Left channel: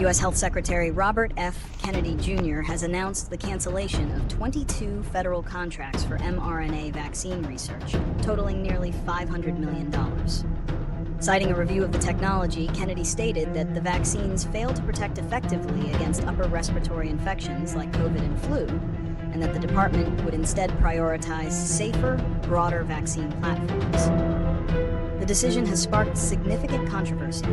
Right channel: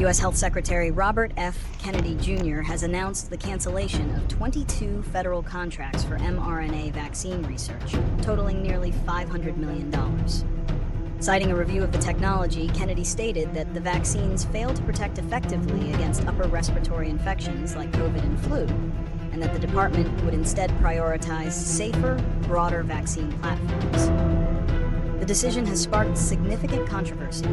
U.S. Health Secretary Robert F. Kennedy Jr. has announced the cancellation of 22 federal contracts for mRNA vaccine research, totaling nearly $500 million. Citing a review of the technology, Kennedy stated that the vaccines fail to protect effectively against upper respiratory infections like COVID and flu, and that the department would instead prioritize safer, broader vaccine platforms. The decision has sparked significant controversy.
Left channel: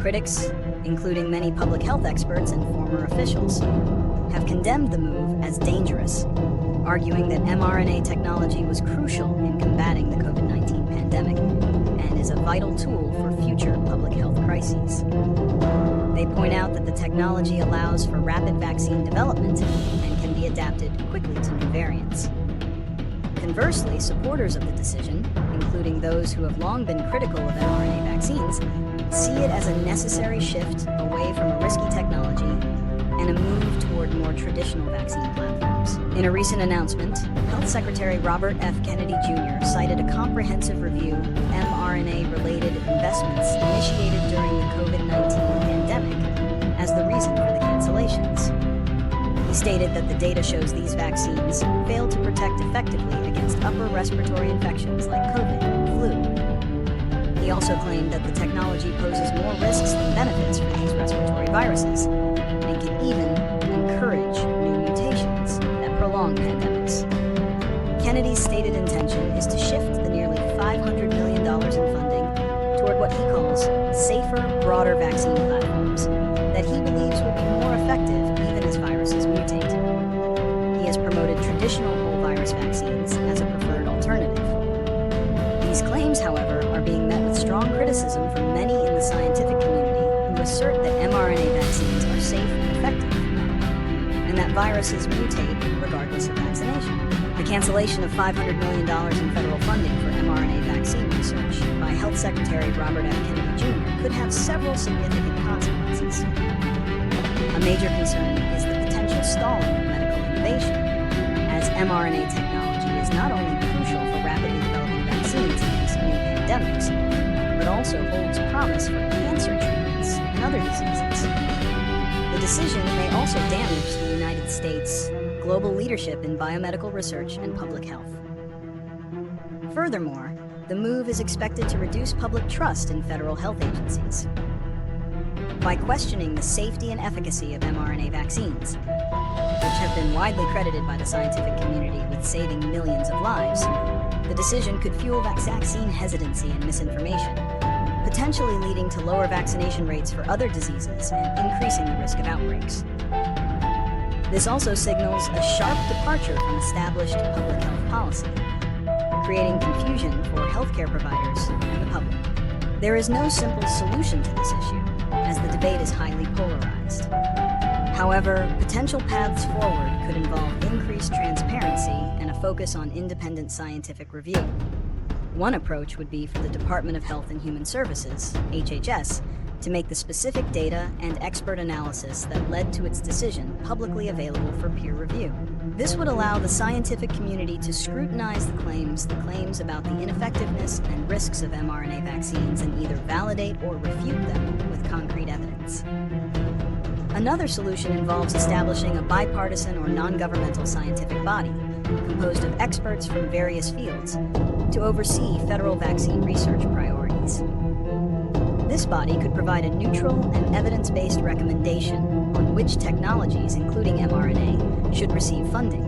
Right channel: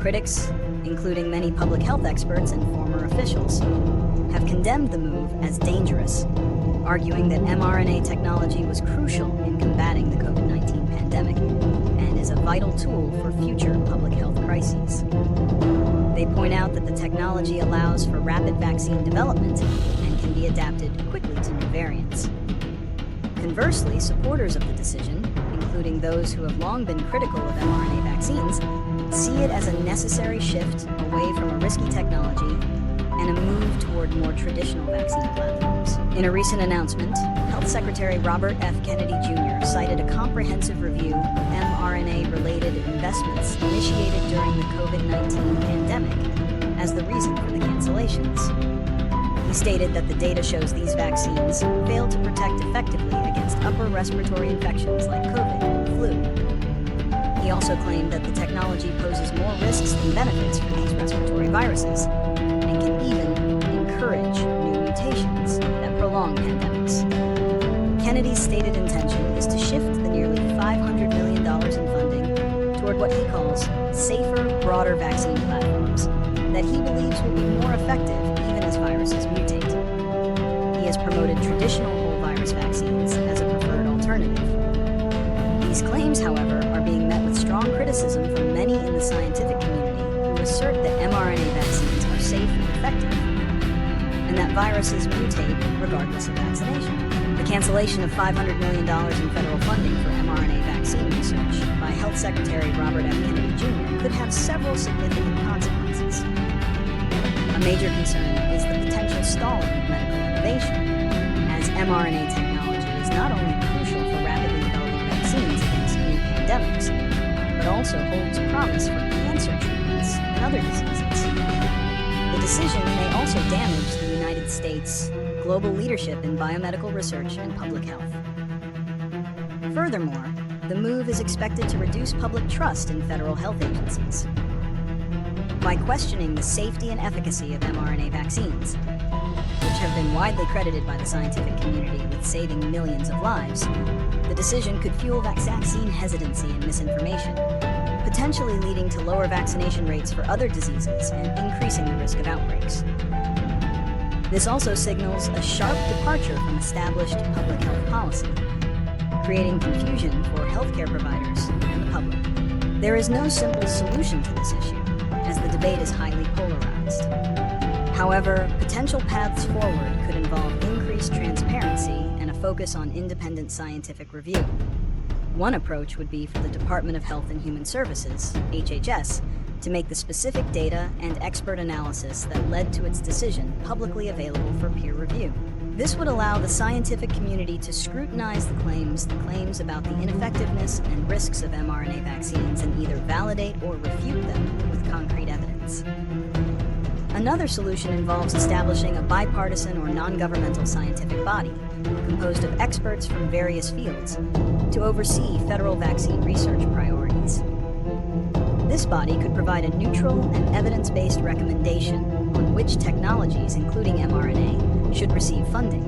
Critics, including many public health experts and former officials, have condemned the move as dangerous, arguing that mRNA technology was crucial in combating the COVID-19 pandemic and is a vital tool for future public health crises. They point out that the technology allows for rapid vaccine development and can be adapted quickly to new variants. Conversely, supporters of the decision, including those who have long been critical of mRNA vaccines, see it as a necessary shift away from a risky technology and a move toward more traditional vaccine platforms. In a recent announcement, Health Secretary Robert F. Kennedy Jr. cited a comprehensive review of mRNA-related investments initiated during the COVID-19 pandemic as the reason for the cancellations. He stated that the data shows these vaccines fail to protect effectively against upper respiratory infections like COVID and flu. He also claimed that the technology poses more risks than benefits for these respiratory viruses and can even encourage new mutations that prolong pandemics. Kennedy's stated intention is to shift the nearly $500 million in funding toward what he calls safer, broader vaccine platforms that he believes will be more effective even as viruses mutate. He has promoted traditional whole virus vaccines as a preferred alternative. These claims, however, are being met with strong criticism from many in the scientific community who assert that mRNA vaccines are safe and effective, and that viruses mutate regardless of vaccination. The cancellation of $500 million in federal funding for mRNA vaccine research by Health Secretary Robert F. Kennedy Jr. could have several significant consequences. A major concern is the potential stalling of medical innovation, as mRNA technology is not only crucial for rapidly developing vaccines against new pandemics, but also holds promise for cancer treatments and other diseases. The decision may also damage the United States' global leadership in biomedical research and public health. Furthermore, the move is expected to reduce public trust in federal health agencies. By questioning the safety and efficacy of mRNA vaccines, which have been widely credited by the scientific community with saving millions of lives, the decision could fuel vaccine hesitancy and misinformation, potentially leading to lower vaccination rates for other diseases and increasing the risk of outbreaks. This also signals a sharp departure from established public health policy, creating confusion for healthcare providers and the public. There is no simple solution to this issue, as the debate is highly polarized. However, potential paths forward could involve increased transparency and a focus on independent scientific review. One approach would be for the Department of Health and Human Services, HHS, to make the specific data and expert analysis that led to its decision publicly available for peer review. This would allow the scientific community to scrutinize the claims about the ineffectiveness and risks of mRNA vaccines and either validate or refute them with concrete evidence. Another solution involves establishing a bipartisan or non-governmental scientific body, composed of experts from various fields, to oversee federal vaccine research priorities. This body could provide a neutral and evidence-based recommendation on which technologies, including mRNA, should receive funding,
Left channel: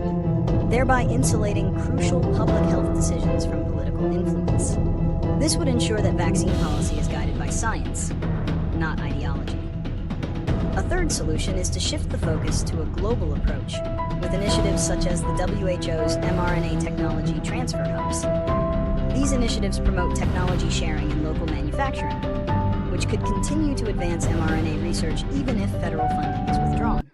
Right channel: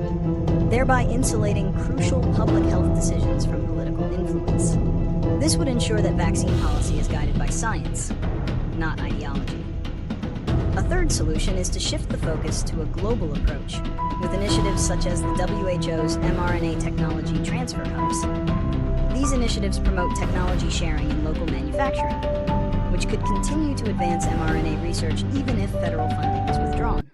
thereby insulating crucial public health decisions from political influence. This would ensure that vaccine policy is guided by science, not ideology. A third solution is to shift the focus to a global approach, with initiatives such as the WHO's mRNA technology transfer hubs. These initiatives promote technology sharing and local manufacturing, which could continue to advance mRNA research even if federal funding is withdrawn.